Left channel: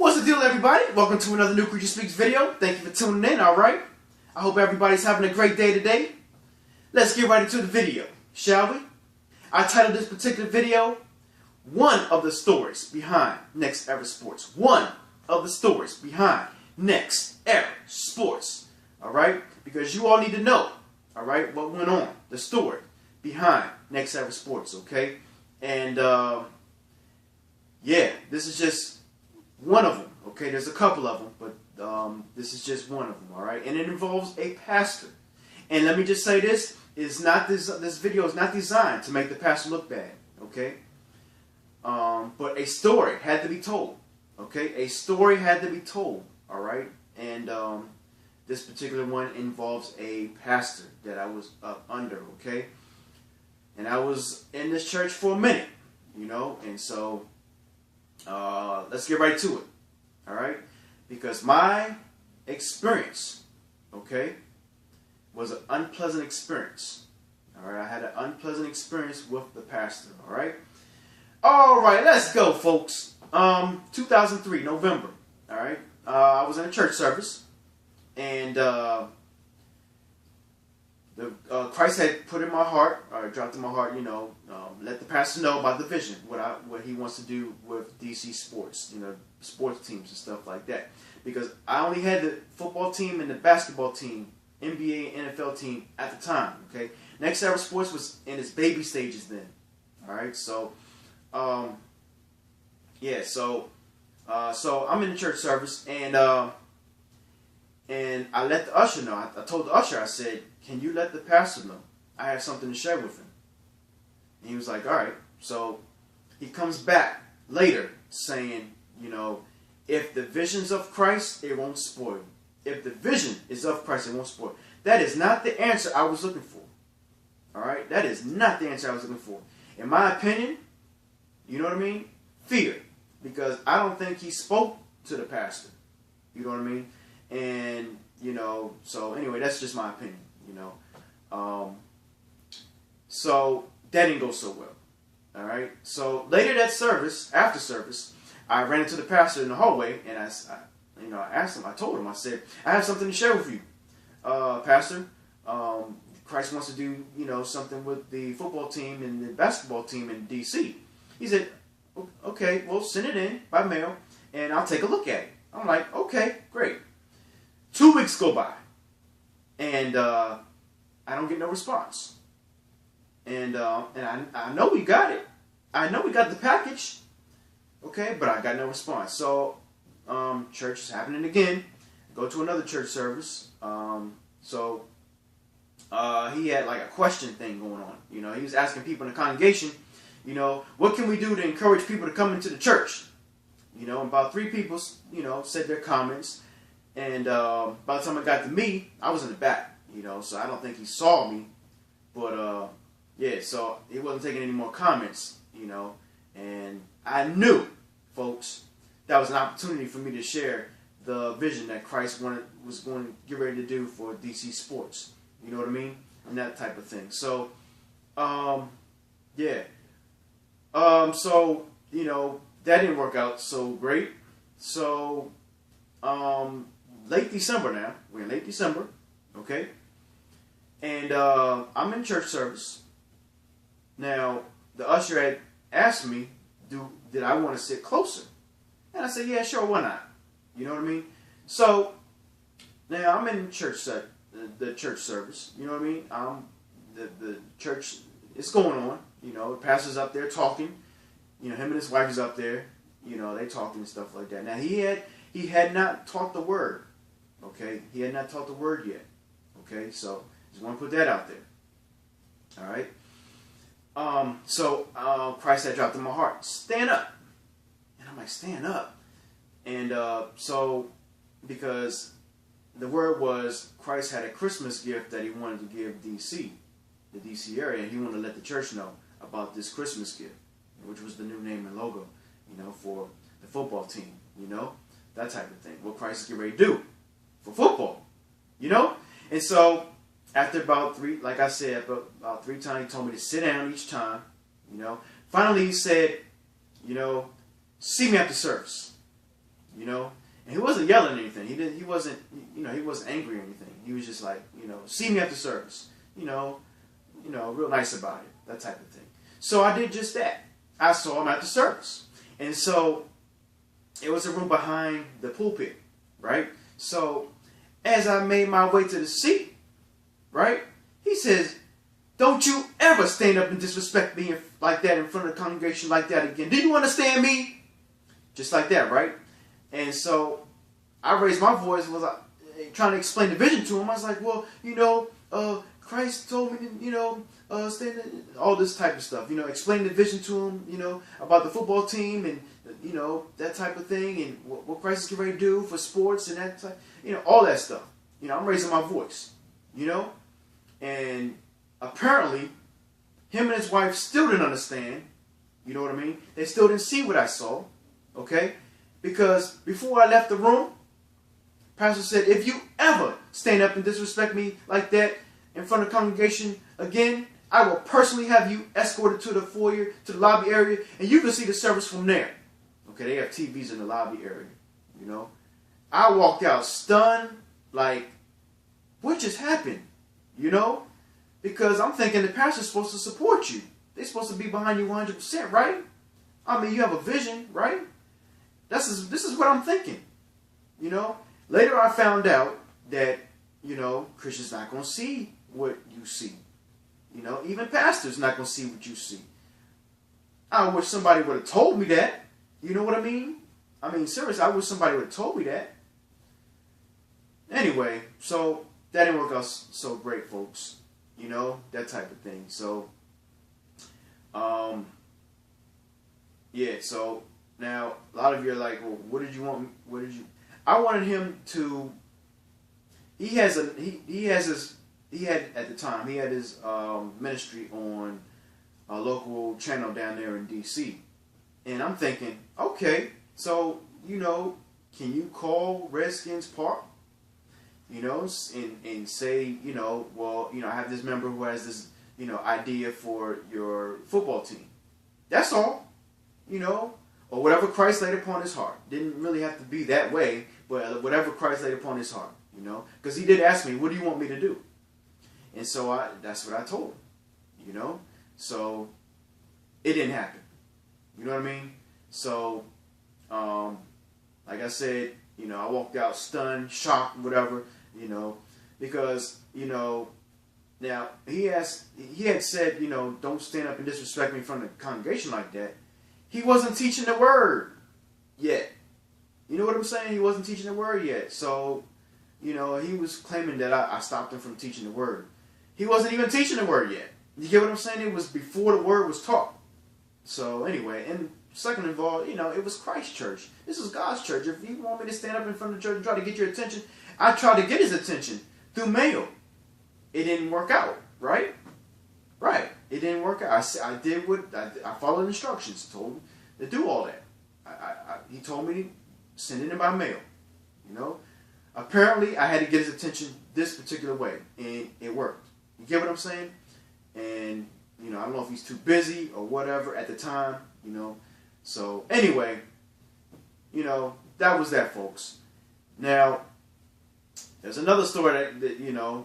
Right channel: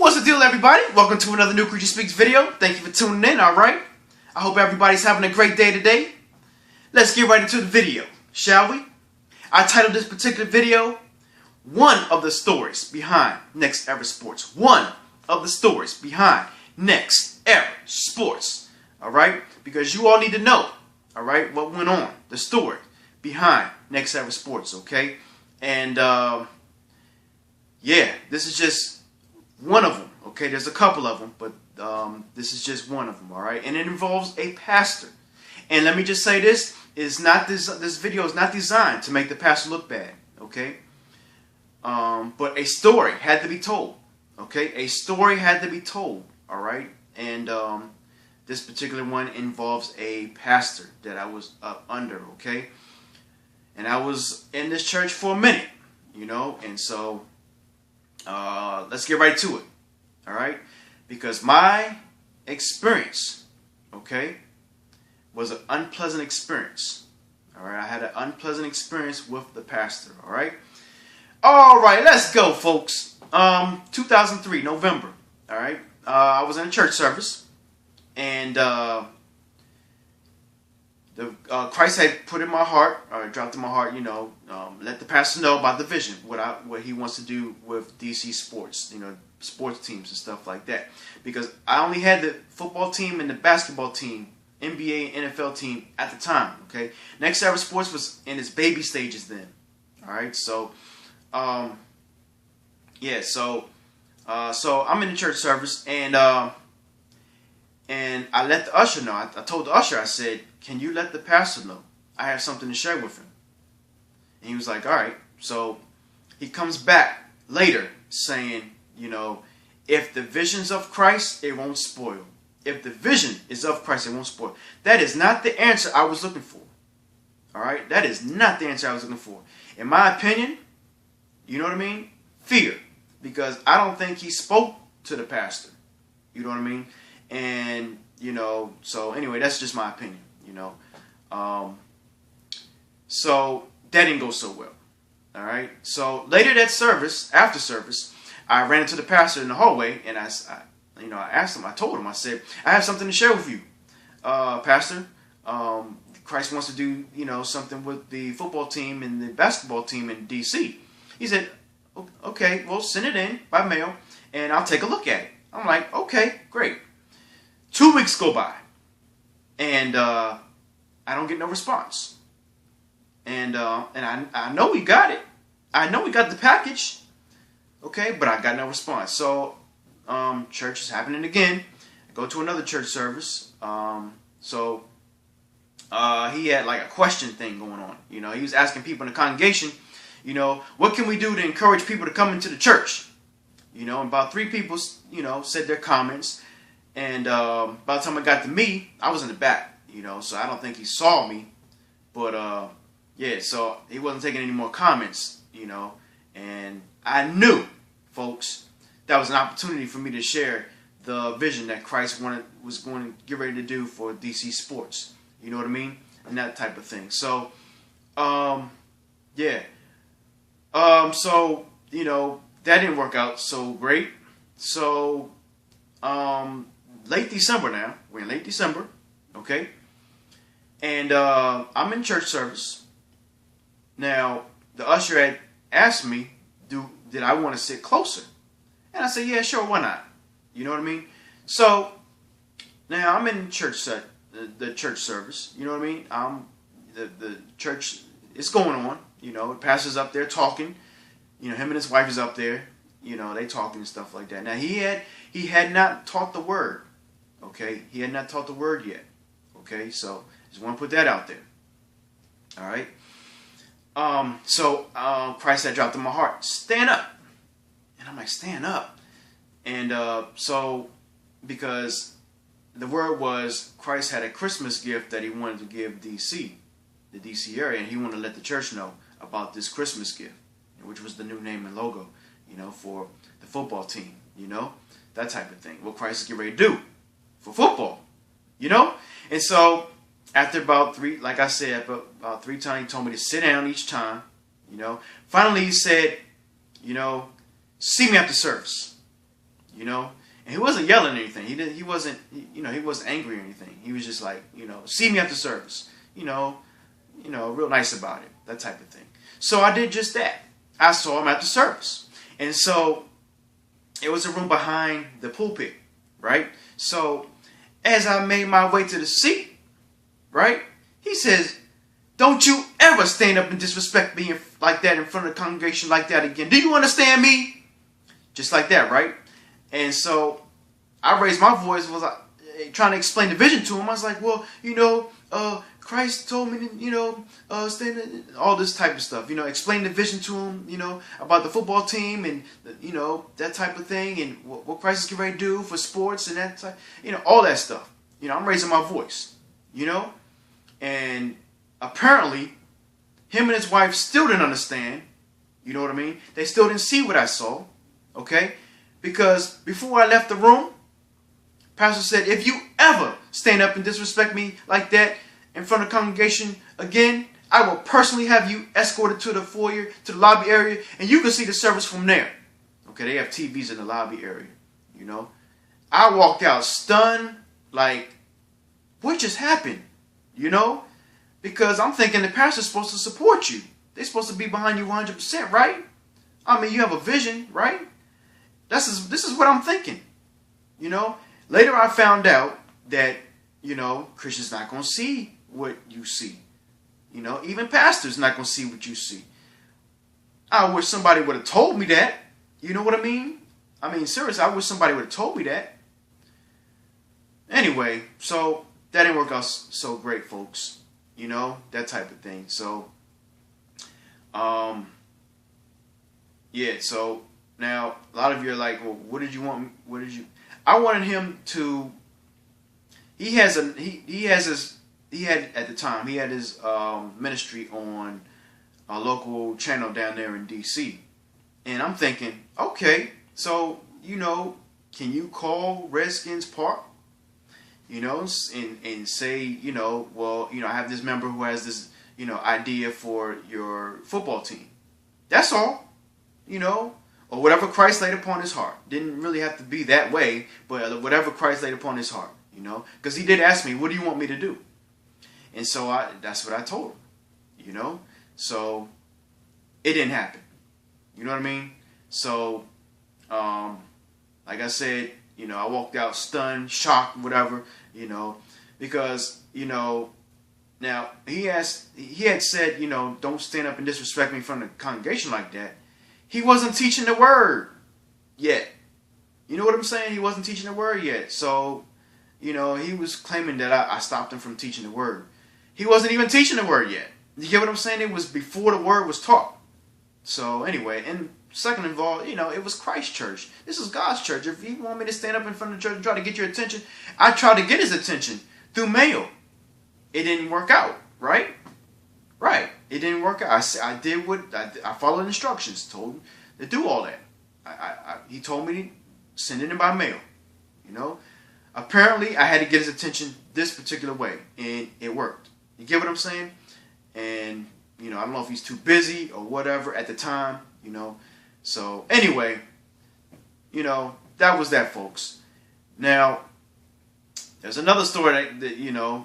What's the deal, everybody? Welcome to another New Creature Speaks video. Thank you for tuning in, alright? I hope everybody's having a great day today. Let's get right into the video, shall we? I titled this particular video, One of the Stories Behind Next Era Sports. One of the stories behind Next Era Sports. Alright? Because you all need to know, alright, what went on. The story behind Next Era Sports, okay? And, yeah, this is just one of them, okay? There's a couple of them, but this is just one of them, all right? And it involves a pastor. And let me just say this video is not designed to make the pastor look bad, okay? But a story had to be told, okay? A story had to be told, all right? And this particular one involves a pastor that I was up under, okay? And I was in this church for a minute, you know? And so let's get right to it, all right? Because my experience, okay, was an unpleasant experience, all right? I had an unpleasant experience with the pastor, all right? All right, let's go, folks. 2003, November, all right? I was in a church service, and Christ had put in my heart, or dropped in my heart, you know, let the pastor know about the vision, what he wants to do with DC sports, you know, sports teams and stuff like that. Because I only had the football team and the basketball team, NBA, NFL team at the time, okay? Next Era Sports was in its baby stages then, all right? So, yeah, so I'm in the church service, and I let the usher know. I told the usher, I said, can you let the pastor know? I have something to share with him. And he was like, all right. So he comes back later saying, you know, if the vision's of Christ, it won't spoil. If the vision is of Christ, it won't spoil. That is not the answer I was looking for. All right? That is not the answer I was looking for. In my opinion, you know what I mean? Fear. Because I don't think he spoke to the pastor. You know what I mean? And, you know, so anyway, that's just my opinion, you know. So that didn't go so well. All right. So later that service, after service, I ran into the pastor in the hallway, and I asked him, I told him, I said, I have something to share with you, Pastor. Christ wants to do, you know, something with the football team and the basketball team in DC. He said, okay, well, send it in by mail, and I'll take a look at it. I'm like, okay, great. 2 weeks go by, and I don't get no response. And I know we got it. I know we got the package. Okay, but I got no response. So church is happening again. I go to another church service. So he had like a question thing going on. You know, he was asking people in the congregation, you know, what can we do to encourage people to come into the church? You know, and about 3 people, you know, said their comments. And by the time it got to me, I was in the back, you know, so I don't think he saw me. But, yeah, so he wasn't taking any more comments, you know. And I knew, folks, that was an opportunity for me to share the vision that Christ was going to get ready to do for DC sports. You know what I mean? And that type of thing. So, yeah. So, you know, that didn't work out so great. So, late December now. We're in late December, okay? And I'm in church service. Now, the usher had asked me, did I want to sit closer? And I said, yeah, sure, why not? You know what I mean? So, now I'm in church the church service. You know what I mean? The church is going on. You know, the pastor's up there talking. You know, him and his wife is up there. You know, they talking and stuff like that. Now, he had not taught the word. Okay, he had not taught the word yet. Okay, so just want to put that out there. All right. So Christ had dropped in my heart, stand up, and I'm like, stand up, and so because the word was Christ had a Christmas gift that he wanted to give DC, the DC area, and he wanted to let the church know about this Christmas gift, which was the new name and logo, you know, for the football team, you know, that type of thing. What Christ is getting ready to do for football, you know? And so after about 3, like I said, about 3 times, he told me to sit down each time, you know. Finally, he said, you know, see me after service. you know. And he wasn't yelling or anything. He wasn't, he wasn't angry or anything. He was just like, see me after service, real nice about it, that type of thing. So I did just that. I saw him after service. And so it was a room behind the pulpit, right? So as I made my way to the seat, right, he says, don't you ever stand up and disrespect me like that in front of the congregation like that again. Do you understand me? Just like that, right? And so I raised my voice, was trying to explain the vision to him. I was like, well, Christ told me to, stand, all this type of stuff. Explain the vision to him, about the football team and, that type of thing and what Christ is getting ready to do for sports and that type, all that stuff. I'm raising my voice, and apparently him and his wife still didn't understand. You know what I mean? They still didn't see what I saw, okay? Because before I left the room, Pastor said, if you ever stand up and disrespect me like that in front of the congregation again, I will personally have you escorted to the foyer, to the lobby area, and you can see the service from there. Okay, they have TVs in the lobby area, I walked out stunned, like, what just happened? Because I'm thinking the pastor's supposed to support you. They're supposed to be behind you 100%, right? I mean, you have a vision, right? This is what I'm thinking, Later I found out that, Christians not going to see what you see. Even pastors not going to see what you see. I wish somebody would have told me that. You know what I mean? I mean, seriously, I wish somebody would have told me that. Anyway, so that didn't work out so great, folks. That type of thing. So, yeah, so now a lot of you are like, well, what did you want? I wanted him to, he had at the time, he had his ministry on a local channel down there in DC. And I'm thinking, okay, so, can you call Redskins Park? And say, well, I have this member who has this, idea for your football team. That's all, or whatever Christ laid upon his heart. Didn't really have to be that way, but whatever Christ laid upon his heart, because he did ask me, what do you want me to do? And so that's what I told him, so it didn't happen. You know what I mean? So, like I said, I walked out stunned, shocked, whatever, because, now he had said, don't stand up and disrespect me in front of the congregation like that. He wasn't teaching the word yet. You know what I'm saying? He wasn't teaching the word yet. So, he was claiming that I stopped him from teaching the word. He wasn't even teaching the word yet. You get what I'm saying? It was before the word was taught. So anyway, and second of all, it was Christ's church. This is God's church. If he want me to stand up in front of the church and try to get your attention, I tried to get his attention through mail. It didn't work out, right? Right. It didn't work out. I did what I followed instructions. Told him to do all that. He told me to send it in by mail. Apparently I had to get his attention this particular way, and it worked. You get what I'm saying? And I don't know if he's too busy or whatever at the time. So anyway, that was that, folks. Now there's another story that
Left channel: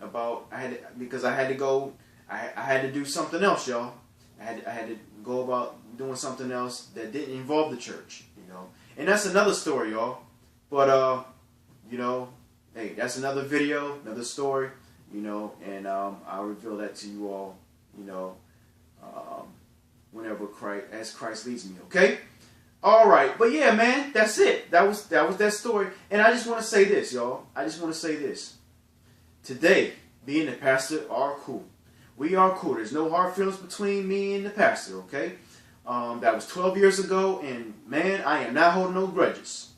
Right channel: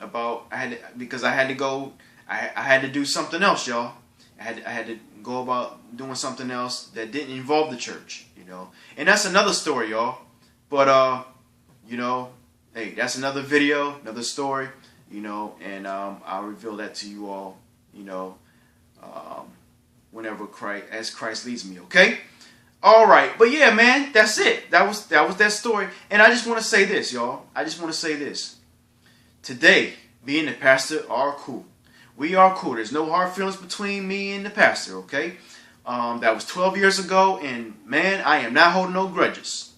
about I had to go. I had to do something else, y'all. I had to go about doing something else that didn't involve the church, and that's another story, y'all. But hey, that's another video, another story, and I'll reveal that to you all, whenever Christ leads me, okay? All right, but yeah, man, that's it. That was that story, and I just want to say this, y'all. I just want to say this. Today, me and the pastor are cool. We are cool. There's no hard feelings between me and the pastor, okay? That was 12 years ago, and man, I am not holding no grudges.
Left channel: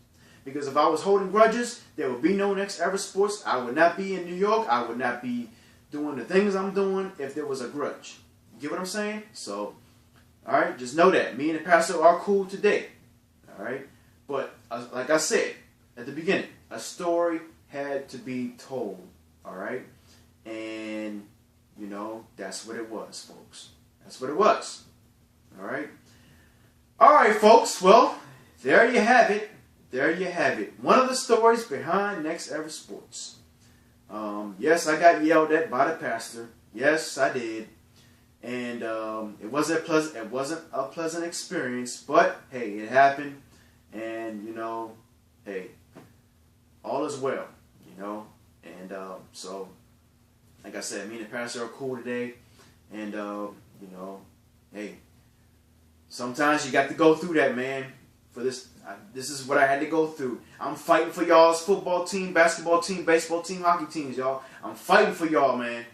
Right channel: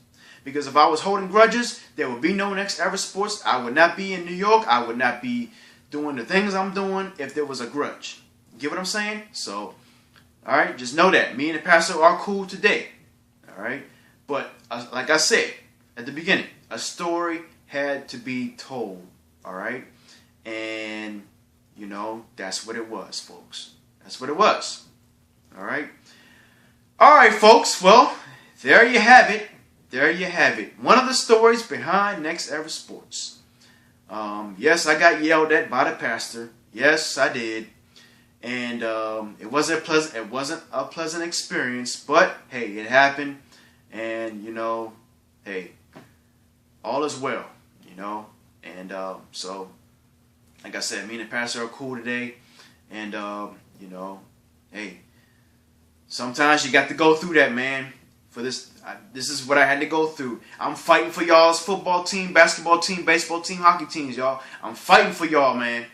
Because if I was holding grudges, there would be no Next Ever Sports. I would not be in New York. I would not be doing the things I'm doing if there was a grudge. You get what I'm saying? So, all right, just know that. Me and the pastor are cool today. All right? But like I said at the beginning, a story had to be told. All right? And, that's what it was, folks. That's what it was. All right? All right, folks. Well, there you have it. there you have it. One of the stories behind Next Ever Sports. Yes, I got yelled at by the pastor. Yes, I did. And it wasn't a pleasant experience, but hey, it happened. And hey, all is well, And so, like I said, me and the pastor are cool today. And hey, sometimes you got to go through that, man. For this is what I had to go through. I'm fighting for y'all's football team, basketball team, baseball team, hockey teams, y'all. I'm fighting for y'all, man.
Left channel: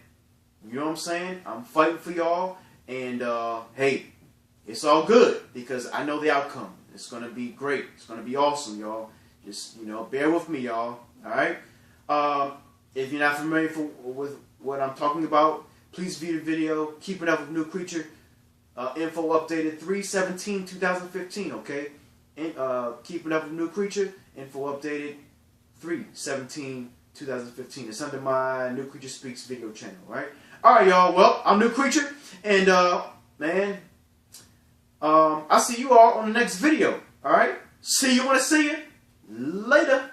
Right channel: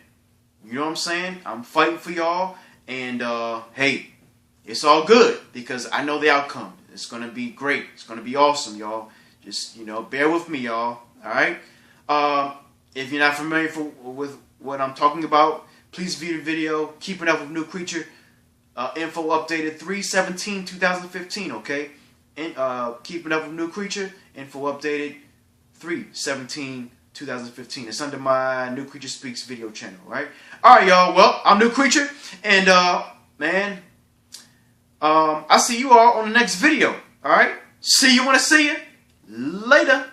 You know what I'm saying? I'm fighting for y'all. And hey, it's all good because I know the outcome. It's going to be great. It's going to be awesome, y'all. Just, bear with me, y'all. All right? If you're not familiar with what I'm talking about, please view the video. Keeping Up with New Creature. Info updated 3/17/2015, okay? And Keeping Up with New Creature. Info updated 3/17/2015. It's under my New Creature Speaks video channel, right? All right, y'all. Well, I'm New Creature. And, man, I'll see you all on the next video. All right? See you when I see you. Later.